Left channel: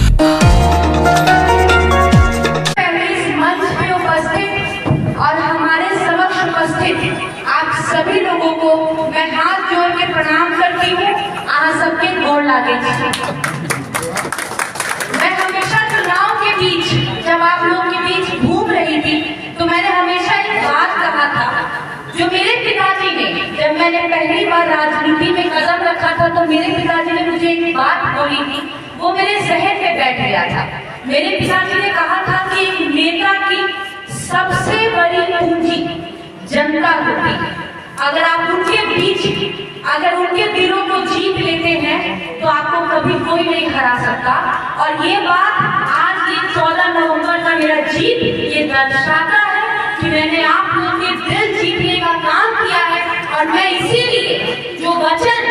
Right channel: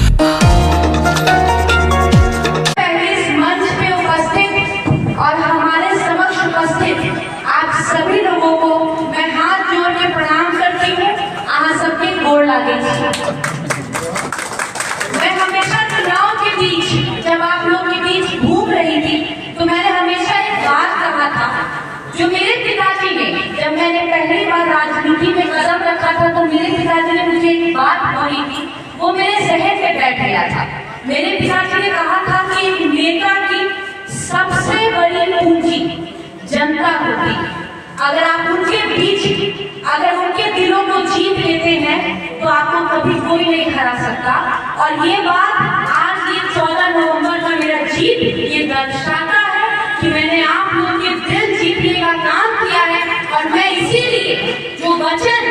इस मंच पे उपस्थित और हमारे समक्ष उपस्थित आप सभी लोगों को मैं हाथ जोड़ के प्रणाम करती हूँ। आप सबके गोड़ लागे। मैं हमेशा चुनाव के बीच जब आप लोग के बीच घूम रही थी तो मैंने हमेशा एक बात कहा था, जो मेरे पिताजी ने, जब मैंने पहली बार राजनीति में कदम रखा था तो मेरे पिताजी ने मुझे एक बात बोली थी, वो मेरे जहन में बैठ गया था। मेरे पिताजी ने कहा था कि एक नेता की सबसे बड़ी पूंजी जनता होती। अगर आप उनके बीच, अगर उनके दिलों को जीत लेते हैं तो आपको कभी कोई नहीं हरा सकता। और ये बात आज ये 14 नवंबर का मेरा जीत ये दर्शाता है कि मैंने आप लोगों के दिल जीतने का काम किया है। और मैं इसीलिए जो वचन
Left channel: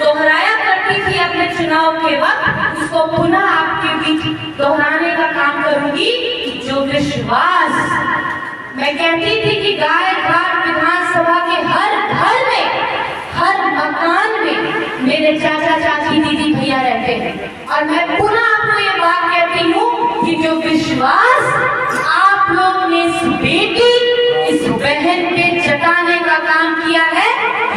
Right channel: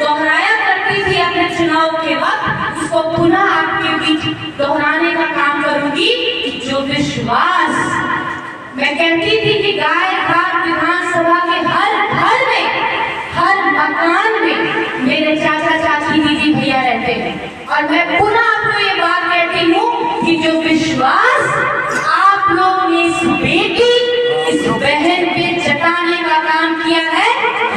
दोहराया करती थी अपने चुनाव के वक्त, उसको पुनः आपके बीच दोहराने का काम करूंगी। जो विश्वास मैं कहती थी कि गाय घाट विधानसभा के हर घर में, हर मकान में मेरे चाचा चाची दीदी भैया रहते हैं। और मैं पुनः आपको ये बात कहती हूँ कि जो विश्वास आप लोगों ने इस बेटी, इस बहन पे जताने का काम किया है,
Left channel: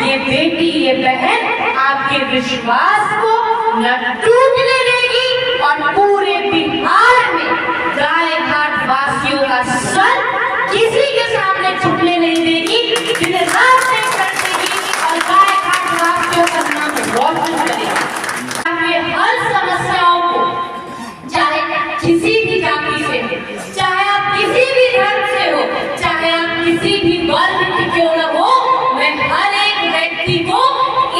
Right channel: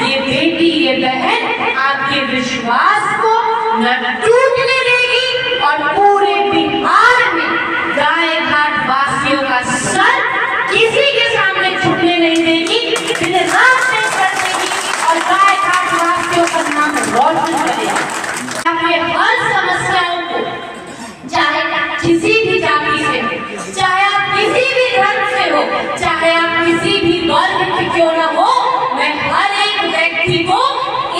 ये बेटी, ये बहन आपके विश्वास को न टूटने देगी और पूरे बिहार में गाय घाट वासियों का सर किसी के सामने झुकने नहीं देगी, दिन रात नहीं कर देगी और गाय घाट वासियों का नाम रोशन करेगी। आपके हर समस्याओं को, चाहे किसी भी जाति से हो, चाहे आप किसी भी धर्म से हो, चाहे आप किसी भी वर्ग की क्यों न हो, मैं हर एक व्यक्ति को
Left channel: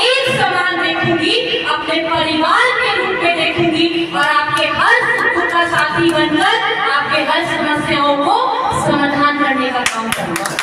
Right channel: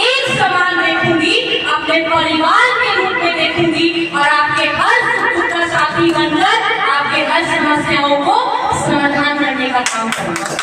एक समान देखूंगी, अपने परिवार के रूप में देखूंगी और आपके हर सुख का साथी बनकर आपके हर समस्याओं को समाधान करने का काम करूंगा।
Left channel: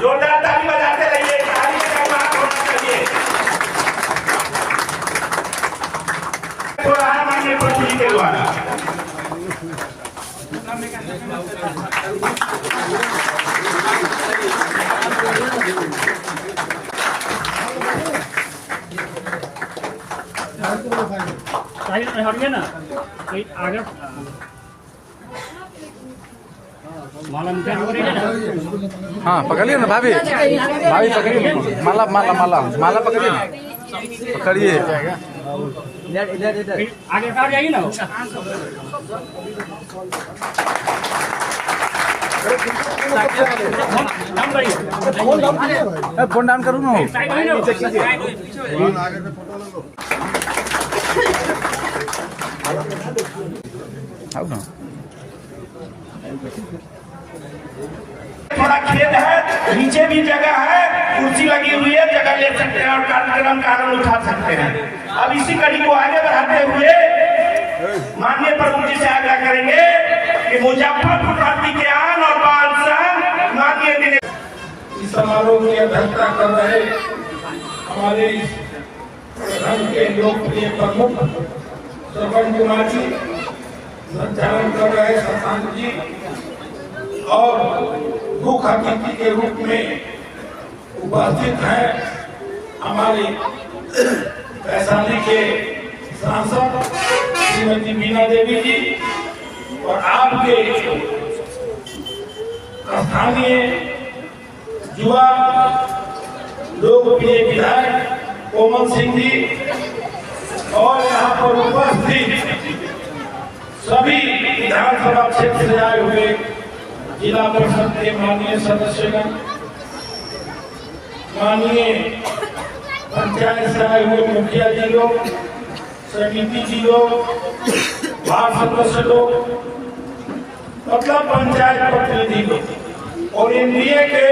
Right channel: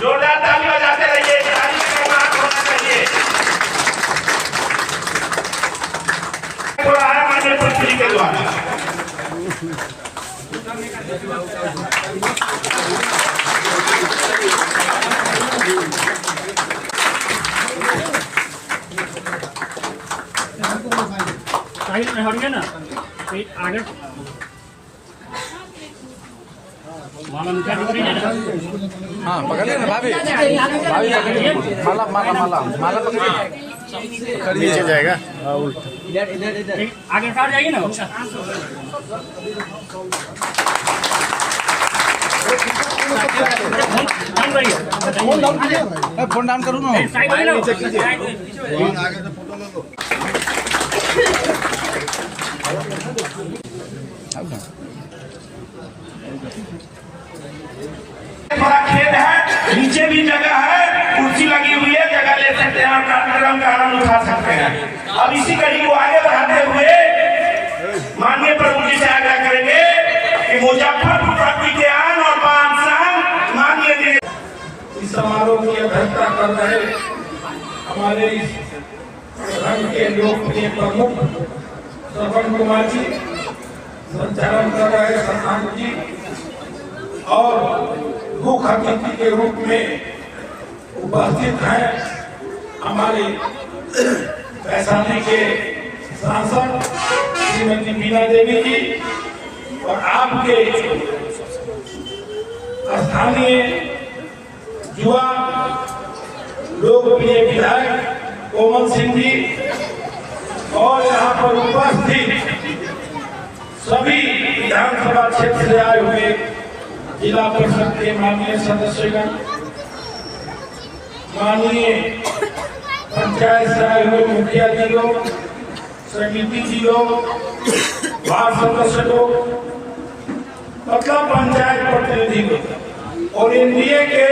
जोरदार ताली बजाते रहिए, ताली का नाम होना चाहिए। थोड़ा है माननीय प्रधानमंत्री के द्वारा। हट गया ना आगे हाँ पकड़िए ना भाभी, भाभी पकड़िए, माला माला माला माला पकड़िए, पकड़िए जाएगा। आगे काट जाएगी ना। फोन डाउन करूँ ना, थोड़ा खेत है, नीचे भी जगह है, कुर्सी लगी हुई है, जगह ले सकते हैं और कार्यक्रम का आनंद उठा सकते हैं। अब इसी कड़ी को आगे बढ़ाते हुए माननीय प्रमुख जी से आग्रह करेंगे कि मुजफ्फरपुर भर्ती के आन और बादशाह माननीय इस समारोह की अध्यक्षता कर रहे हमारे संघ के लोकप्रिय प्रमुख श्रवण कुमार जी, संचालन कर रहे शशांक जी और मुख्य अतिथि के रूप में उपस्थित हैं हमारे वैशाली के सांसद श्रीमती बीना देवी जी और आपके स्थानीय युवा लोकप्रिय विधायक कोमल सिंह जी और यहाँ पर उपस्थित सभी विधानसभा क्षेत्र से आए हुए जिला परिषद के माननीय सदस्यगण, माननीय पंचायत से आए हुए मुखिया जी लोग, समिति जी लोग, वार्ड सदस्य लोग, मतलब पंचायत प्रतिनिधि लोग और एनडीए के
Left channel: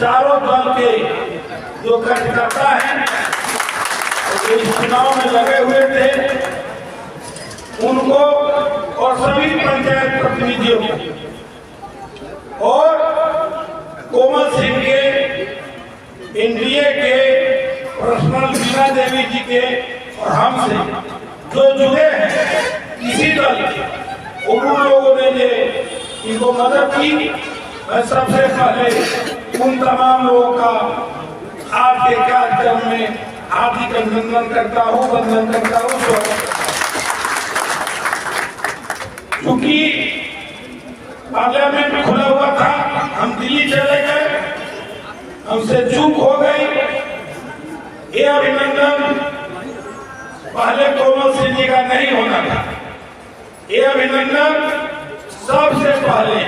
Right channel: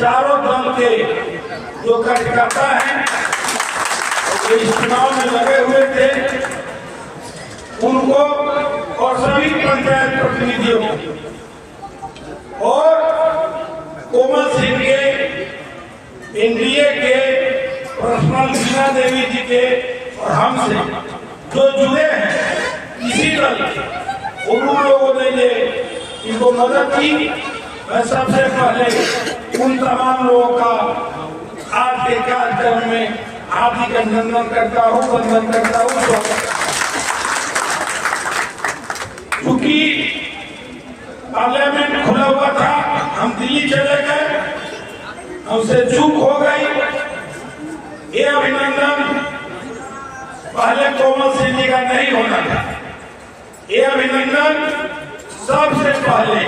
चारों दल के जो कार्यकर्ता हैं जो इस चुनाव में लगे हुए थे, उनको और सभी पंचायत प्रतिनिधियों को और कोमल सिंह के एनडीए के पर्सनल पर्सनल बीना देवी जी के और हमसे जो जुड़े हैं इसी दल के उन लोगों ने ये इनको मदद की। मैं सबसे पहले उन तमाम लोगों का आज के कार्यक्रम में हार्दिक अभिनंदन करता हूँ, वंदन करता हूँ। क्योंकि पार्लियामेंट खुला हुआ था, हम दिल्ली चले गए, हमसे चूक हो गई। ये अभिनंदन पहले कोमल सिंह जी का नहीं होना था। ये अभिनंदन सबसे पहले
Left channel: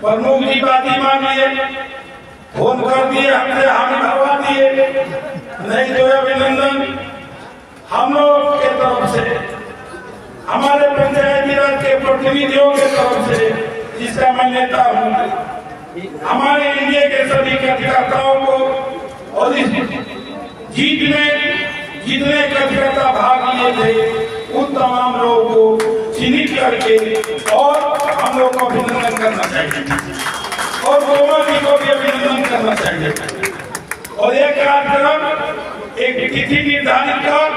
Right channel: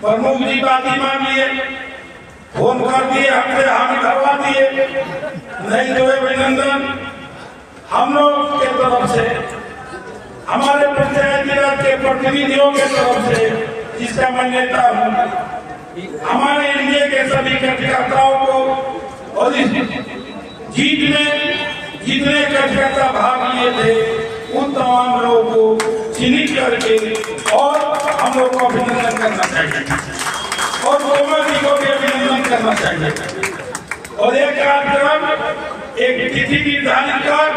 प्रमुख जी बाती मान लिए, फोन कर दिए, हमसे हम करवा दिए। नहीं तो अभिनंदन हम लोग के तरफ से, हमारे पंचायती राज के प्रतिनिधियों के तरफ से, जिसका मैं नेता हूँ, हमारे इंडिया के सभी कार्यकर्ताओं को और इस जीत में जितने कार्यकर्ता भाग लिए थे उन तमाम लोगों को चिन्हित करके और हम लोग को अभिनंदन करना चाहिए और कोमल जी को भी अभिनंदन करना चाहिए। और ये कार्यक्रम एक तिथि निर्धारित कर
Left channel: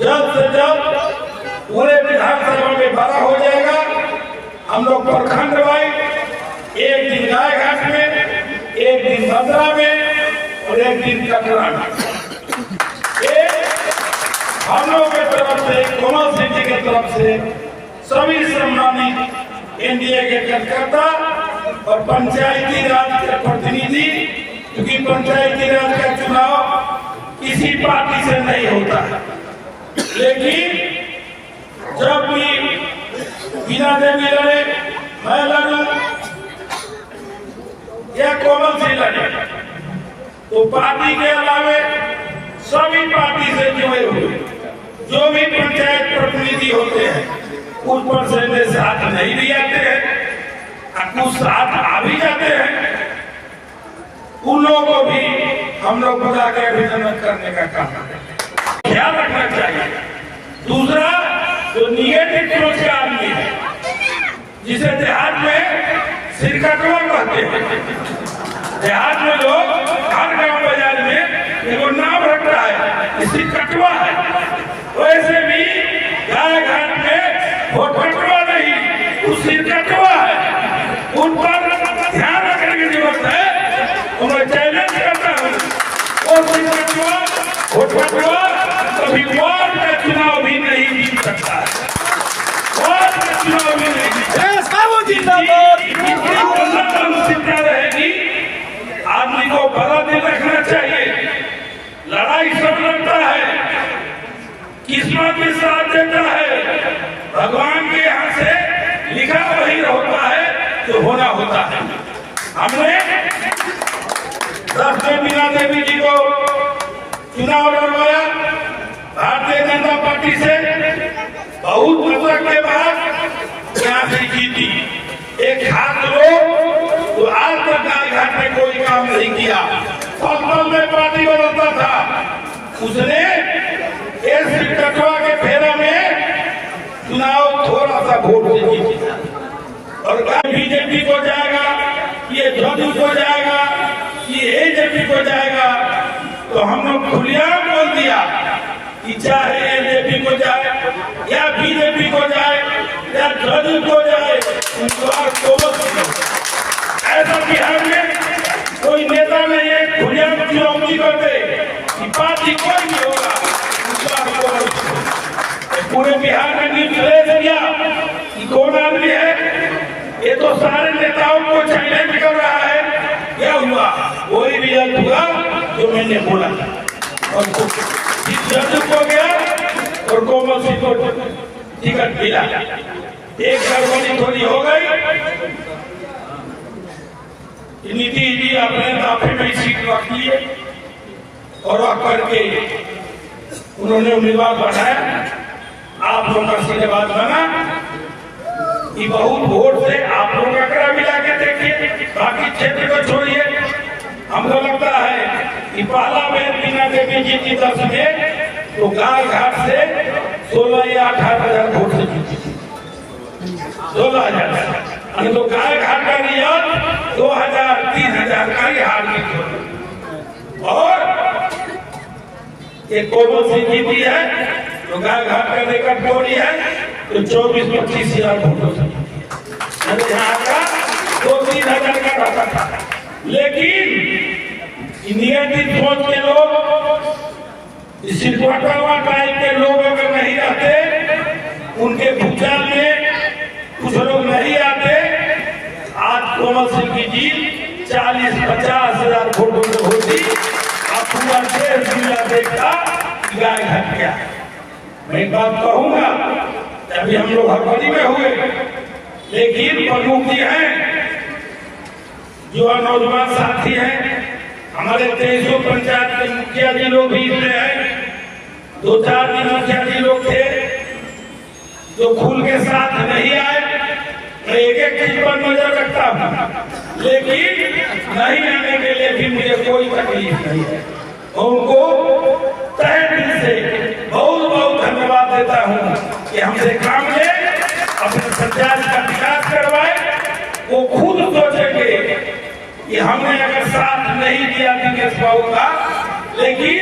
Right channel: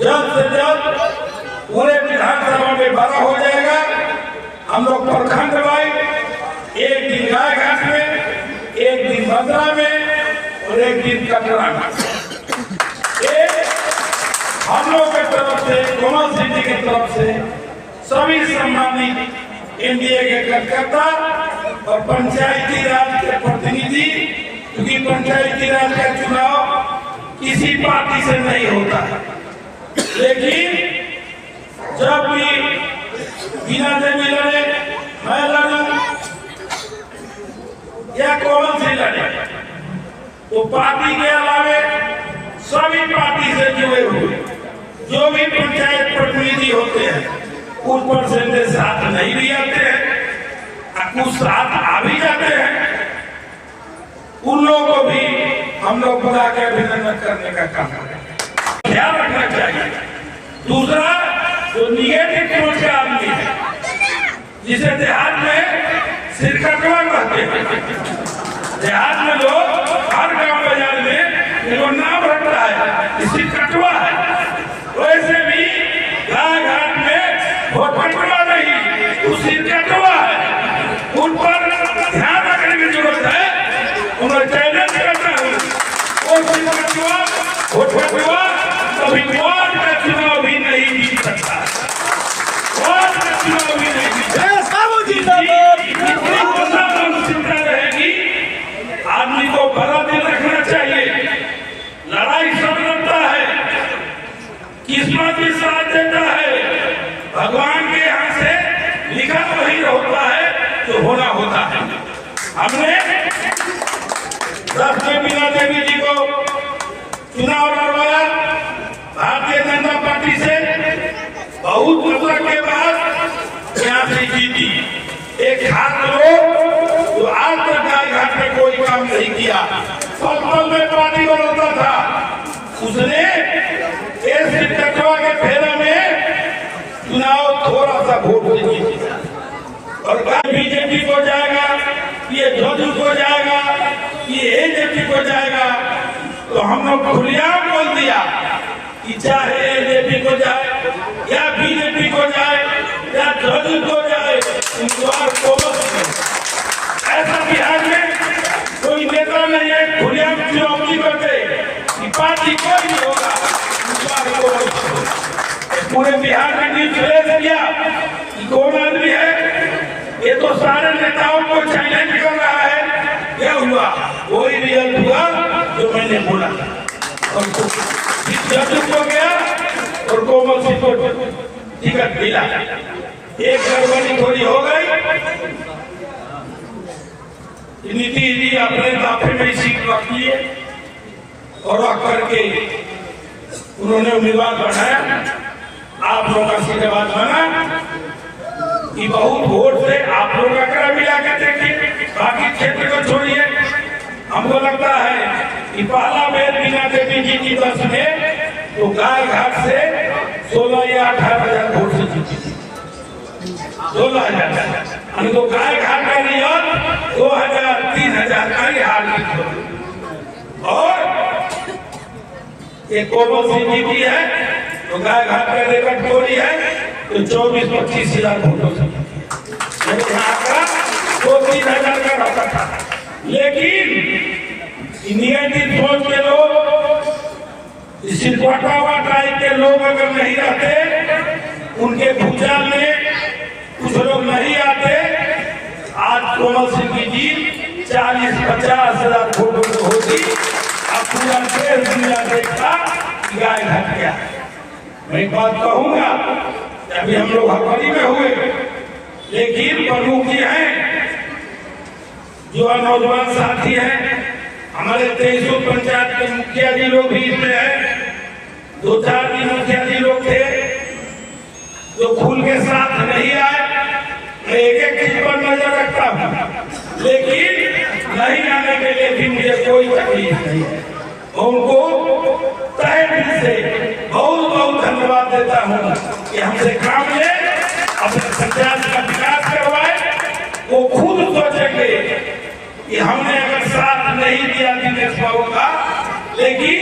जल्द से जल्द पूरे विधानसभा में बड़ा हो जाएगा। हम लोग प्रखंड वाइज एक दिन गायघाट में, एक दिन मथुरा में और एक दिन कटरा में, हम लोग के तरफ से, कोमल सिंह जी की तरफ से सभी सम्मानित एनडीए के कार्यकर्ता और पंचायती राज के प्रतिनिधि, क्योंकि पंचायती राज का चुनाव किसी पार्टी से नहीं होता है, लेकिन जब भी बीना देवी लड़े, मैं लड़ूं या कोमल सिंह लड़े, तो पार्टी के अलावे सभी पार्टी से जुड़े हुए जो भी पंचायत प्रतिनिधि होते हैं कुछ परसेंटेज साथ नहीं भी आते हैं, कुछ साथ आ भी जाते हैं, उन लोगों को भी हम लोग बुला कर अभिनंदन करने का काम करें। ध्यान रखना चाहिए। दूसरा, जो निगेटिव सोच के आदमी है, जिसे देहात में सिरकटवा कहते हैं, देहात में लोग हर गांव बाजार में जो नाम रखता है सिरकटवा है, वैसे भी गाय घाट में वो कटवा नहीं, वो सिरकटवा है। उन पर ध्यान रखने की जरूरत है। उन्हें चैलेंज करता हूँ, वो सिरकटवा, वो कटवा कभी वार्ड का चुनाव भी नहीं जीत सकता है, वार्ड का चुनाव भी नहीं जीत सकता। रहेगी, आदमी को भला दिल रखना चाहिए। लड़ाई सब लड़ता है, किस्मत भी साथ देता है, भगवान के यहाँ से लिखा वही होता है जो होना होता है। हमने बीना देवी जी को चुनाव लड़वाया भारतीय जनता पार्टी से, बहुत दशक के बाद यहाँ से जीती। एक हाथ लोग जो आज तक गाय घाट में कोई काम नहीं किया, पल में पार्टी बदलता था, उसने इस कटवा के फेरा में चुनाव थोड़ा सा वोट से जीती। और बीजेपी को जाएगा, ये जदयू को जाएगा, ये एजेपी को जाएगा, तो हम लोग खुलेआम बोल दिया कि चाहे एजेपी को जाए या बीजेपी को जाए या जदयू को जाए, ऐसा बिहार में कोई नेता नहीं है खुलेआम चुनौती करते कि पार्टी कोई नहीं होगा। पूरे बिहार में निर्देश दिया कि कौन आदमी है, ये तो सारे नेताओं को चैलेंज कर रहा है। क्या हुआ? वही रिजल्ट हुआ जो मैंने बोला था। जदयू को गया और कोमल सिंह को टिकट मिला। एक गड़बड़ी थोड़ी हो गई, नीतीश जी अपने दाफे में सीट रख लिए और वह करके उन्होंने उम्मीदवार बनाया। आप लोगों का आशीर्वाद बना कि बहुत वोट से आप लोग आंकड़ा मिला के देखिए, बाकी क्षेत्र को छोड़िए। हमको लगता है कि पहला बेर बीना देवी जी की दस में तो गाय घाट से 16 या 18 हजार वोट से जीती, 16,000। तो गाय घाट का रिजल्ट 2,000 3,000 का ही हार और ये कोमल सिंह जी की है तो गाय घाट का रिकॉर्ड बोली है तो 24-25 हजार फोटो यहाँ का 2-3 हजार का रहता था। लेकिन निगेटिव सोच के लोग सिरकोटा टाइप के लोग अगर नहीं रहते, उनके भूचाल में कुछ लोग नहीं आते, आज कोमल सिंह की जीत 40-50 हजार फोटो में होगी। अब पूरा देश दुनिया देखता गाय घट गया। मैं एक बात कहूंगा, अभी हम लोग हड़बड़ी में हुए, लेकिन प्रमुख ये हैं जो नौजवान साथी हैं, हमारे 23 पंचायत के मुखिया जी लोग भी इसमें हैं। 2-4 दिन मुखिया जी लोग थे जो खुल के साथ नहीं आए। मैं एक चीज पर नजर रखता हूँ, लेकिन नहीं आने के लिए भी मुझे कोई तकलीफ नहीं है। उनको तहे दिल से बहुत बहुत धन्यवाद देता हूँ कि हमसे काम ले, अपने पंचायत का विकास करवाए। वो खुद सोचेंगे कि हमने अगर साथ नहीं दिया दिनेश बाबू का, लेकिन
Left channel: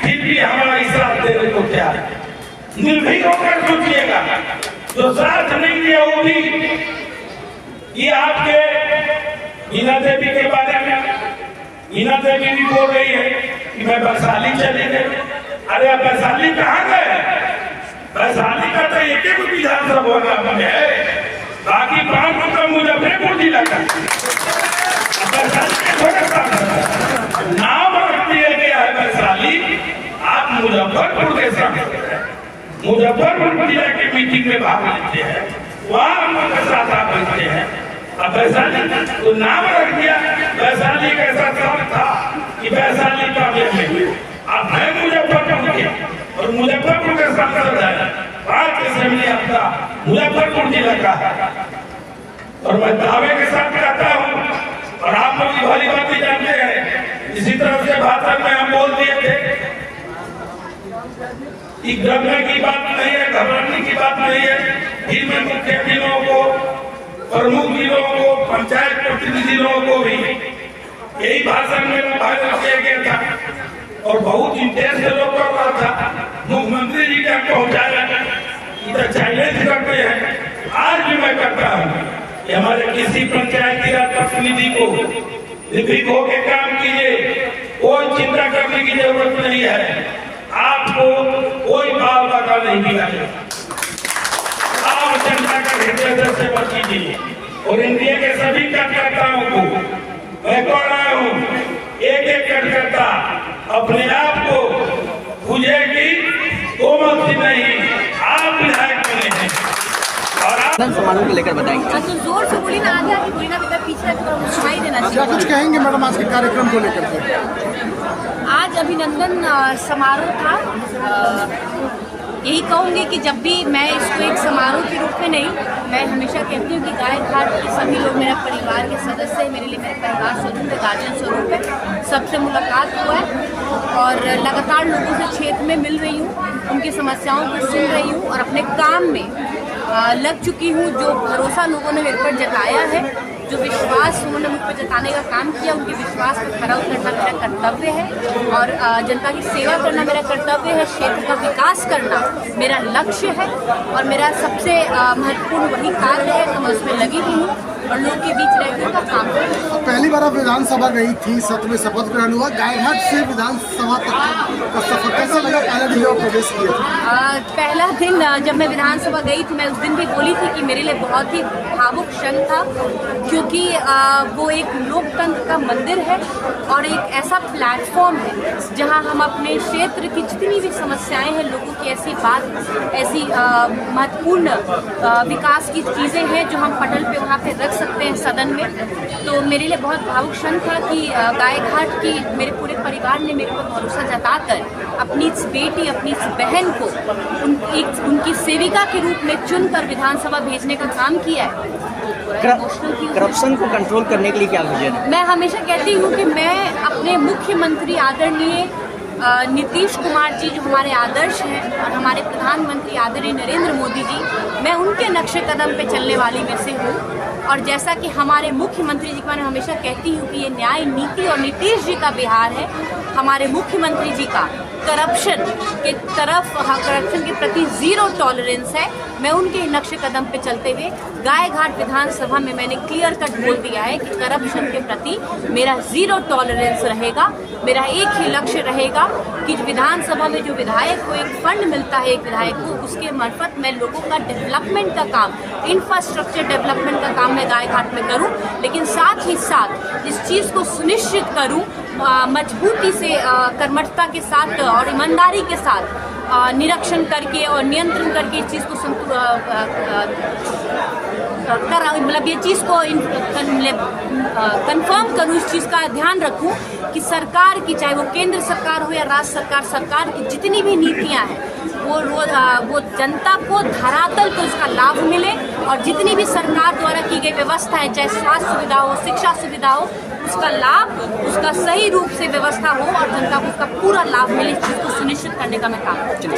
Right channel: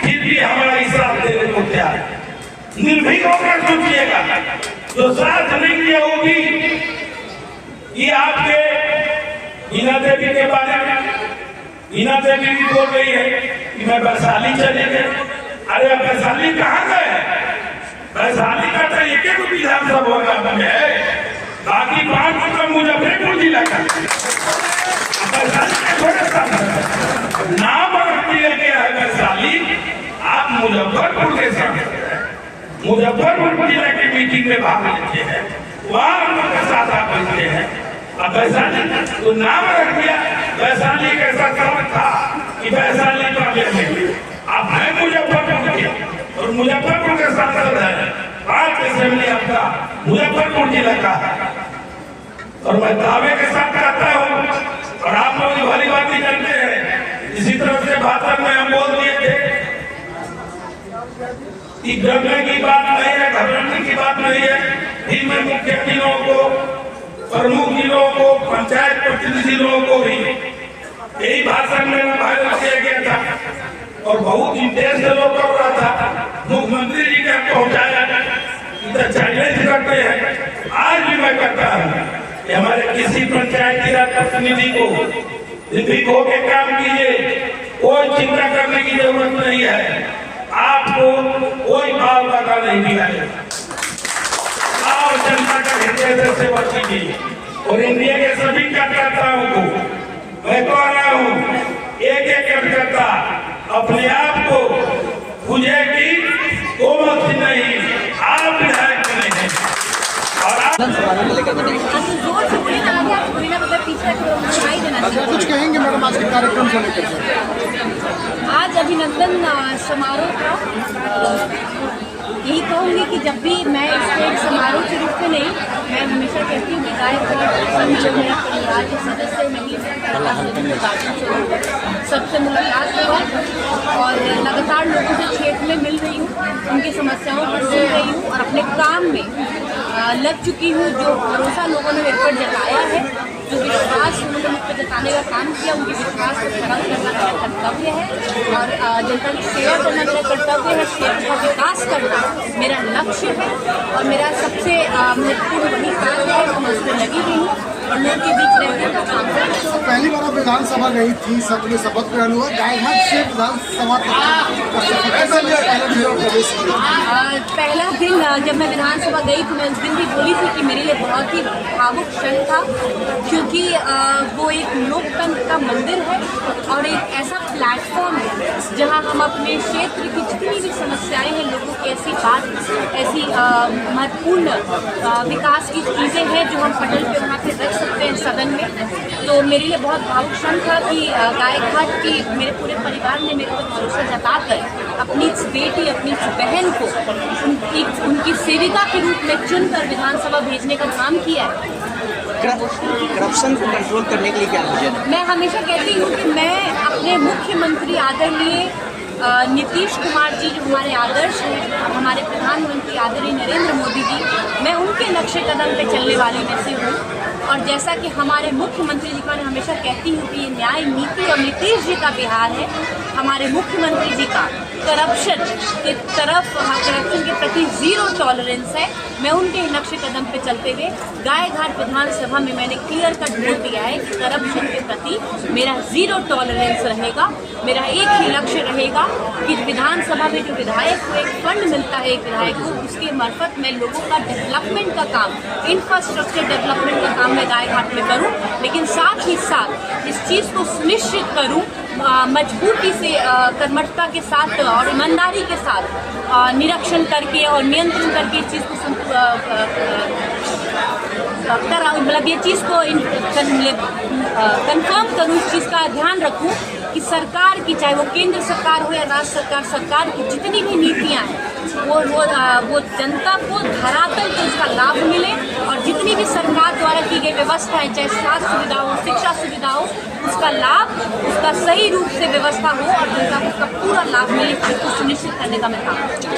फिर भी हमारा साथ देने को तैयार है। निर्भीक होकर सोचिएगा, जो साथ नहीं दिया वो भी। ये आपके हीना देवी के बारे में, हीना देवी भी बोल रही है कि मैं वैशाली चली गई। अरे अब वैशाली कहाँ गए? वैशाली का तो एक विधानसभा बने है, बाकी 5 का मुजफ्फरपुर जिला का नाम रख दिया गया है वैशाली। आप मुजफ्फरपुर के साथ मुजफ्फरपुर जिला की मीटिंग में भाग लेते हैं, वहाँ उनके साथ आप मिलते हैं। अब वैशाली तो नाम रख दिया, वैशाली कैसा सब था कि वैशाली पहले में अब है मुजफ्फरपुर के, और मुजफ्फरपुर के सांसद है। 5 असेंबली आपका मुजफ्फरपुर जिला का है। और मैं दावे के साथ कहता हूँ, और आप लोग भली बात ही जानते हैं, इसी तरह से भाषण में हम बोल दिए थे कि डरने की बात नहीं है, घबराने की बात नहीं है। फिर मैं मुख्य जिलों को, प्रमुख जिलों को, पंचायत प्रतिनिधि लोगों को भी यही भाषण में वायरल किया गया था और बहुत इंटेंस लोग कर रहा था। मुख्यमंत्री जी का पहुंचाया, इधर चैलेंज करते हैं। आज भी मैं करता हूँ कि हमारे किसी पंचायती राज प्रतिनिधि को निर्भीक होकर काम कीजिए, कोई चिंता करने की जरूरत नहीं है। आपको कोई भाव लगा नहीं दिया जाएगा। आप जनता का हृदय से बचीजिए। और इंडिया के सभी कार्यकर्ताओं को मैं कह रहा हूँ, एक कार्यकर्ता अपने आप को खुलेगी, कोमल सिंह नहीं, आप विधायक बने। और आप समारोह को लेकर बताएंगे। तो जोर से बोली ना, आगे बोली ना, मतलब पीछे सुनाई देना। क्या कुछ कहेंगे मैडम आज के कार्यक्रम को लेकर? आज अभिनंदन समारोह था। यही कहूँगी कि जब भी मैं स्टेज समारोह के रूप में नहीं, मैं हमेशा कहती हूँ कि गाय घाट सभी जो मेरे परिवार के सदस्य, मेरे लिए परिवार स्वरूप दादा स्वरूप है, सबसे मुलाकात हुआ और लगातार लोगों से क्षेत्र में मिल रही हूँ, उनकी समस्याओं को सुन रही हूँ और अपने काम में लग चुकी हूँ। जो भरोसा लोगों ने मेरे पर जताया है, जो विश्वास उन्होंने मुझ पर जताने का काम किया, उनके विश्वास को खरा करना मेरा कर्तव्य है और जनता की सेवा करना मेरा कर्तव्य है। क्षेत्र का विकास करना मेरा लक्ष्य है और मेरा सबसे महत्वपूर्ण वही कार्य है। मैं उसमें लगी हुई हूँ और लोग के बीच रहने का काम कर रही हूँ। पहली बार आप विधानसभा गई थी, सत्र में शपथ ग्रहण हुआ, गायघाट से विधानसभा का सफर कैसा प्रवेश किया? पहला दिन जब मैं विधानसभा गई तो मैं उस दिन भी बोली थी कि मेरे लिए बहुत ही भावुक क्षण था, क्योंकि वो एक लोकतंत्र का मंदिर है और एक ऐसा प्लेटफॉर्म है जहां हम अपने क्षेत्र की जितनी भी समस्याएं हैं, लोगों की ऐसी महत्वपूर्ण विकास की चीज़ें हैं जो हम पटल पे वहाँ पे रख सकते हैं सदन में। तो मेरे लिए बहुत भावुक क्षण था कि गाय घाट की मेरे पूरे परिवार ने मेरे को भरोसा जताकर अपनी इस बेटी, अपनी इस बहन को उनकी सेविका के रूप में चुनकर विधानसभा भेजने का काम किया है। करप्शन को कंट्रोल करने के लिए क्या विजन है? मैं हमेशा कहती हूँ कि मैं अपने मुख्यमंत्री आदरणीय नीतीश कुमार जी जो हमारे आदर्श हैं और हमारे प्रधानमंत्री आदरणीय नरेंद्र मोदी जी, मैं उनके नक्शे कदम पे चलने वाली में से हूँ। और जैसा कि हमारे मुख्यमंत्री जी का मैं हमेशा कहती हूँ कि ये न्याय नीति और नीतीश जी का बिहार है, हमारे मुख्यमंत्री जी का करप्शन के तरफ, करप्शन के प्रति जीरो टॉलरेंस है। मैं उनके नक्शे कदम पे चलते हुए गायघाट विधानसभा में मैंने क्लियर कट बोल दिया है कि करप्शन के प्रति मेरा जीरो टॉलरेंस रहेगा। मेरा एक ही लक्ष्य रहेगा कि विधानसभा में जो विधायक को एक फंड मिलता है, एक विधायक को, उसके मार्फत मैं लोगों का डेवलपमेंट का काम, इंफ्रास्ट्रक्चर डेवलपमेंट का काम मैं गायघाट में करूं, लेकिन साथ ही साथ इस चीज़ को सुनिश्चित करूं मजबूती से, कर्मठता के साथ और ईमानदारी के साथ निरीक्षण करके और नियंत्रण करके इस चीज़ को मतलब ये चीज़ को कंफर्म करूं, इस चीज़ का ध्यान रखूं कि सरकार की, चाहे वो केंद्र सरकार हो या राज्य सरकार की जितनी भी नीतियां हैं वो जनता को धरातल पर उसका लाभ मिले, और जितनी भी सरकार द्वारा की गई व्यवस्था है, चाहे स्वास्थ्य सुविधा हो, शिक्षा सुविधा हो, उसका लाभ, उसका सही रूप से व्यवस्था हो और जनता को उसका पूरा लाभ मिले, इस चीज़ को सुनिश्चित करने का मैं काम करती हूँ।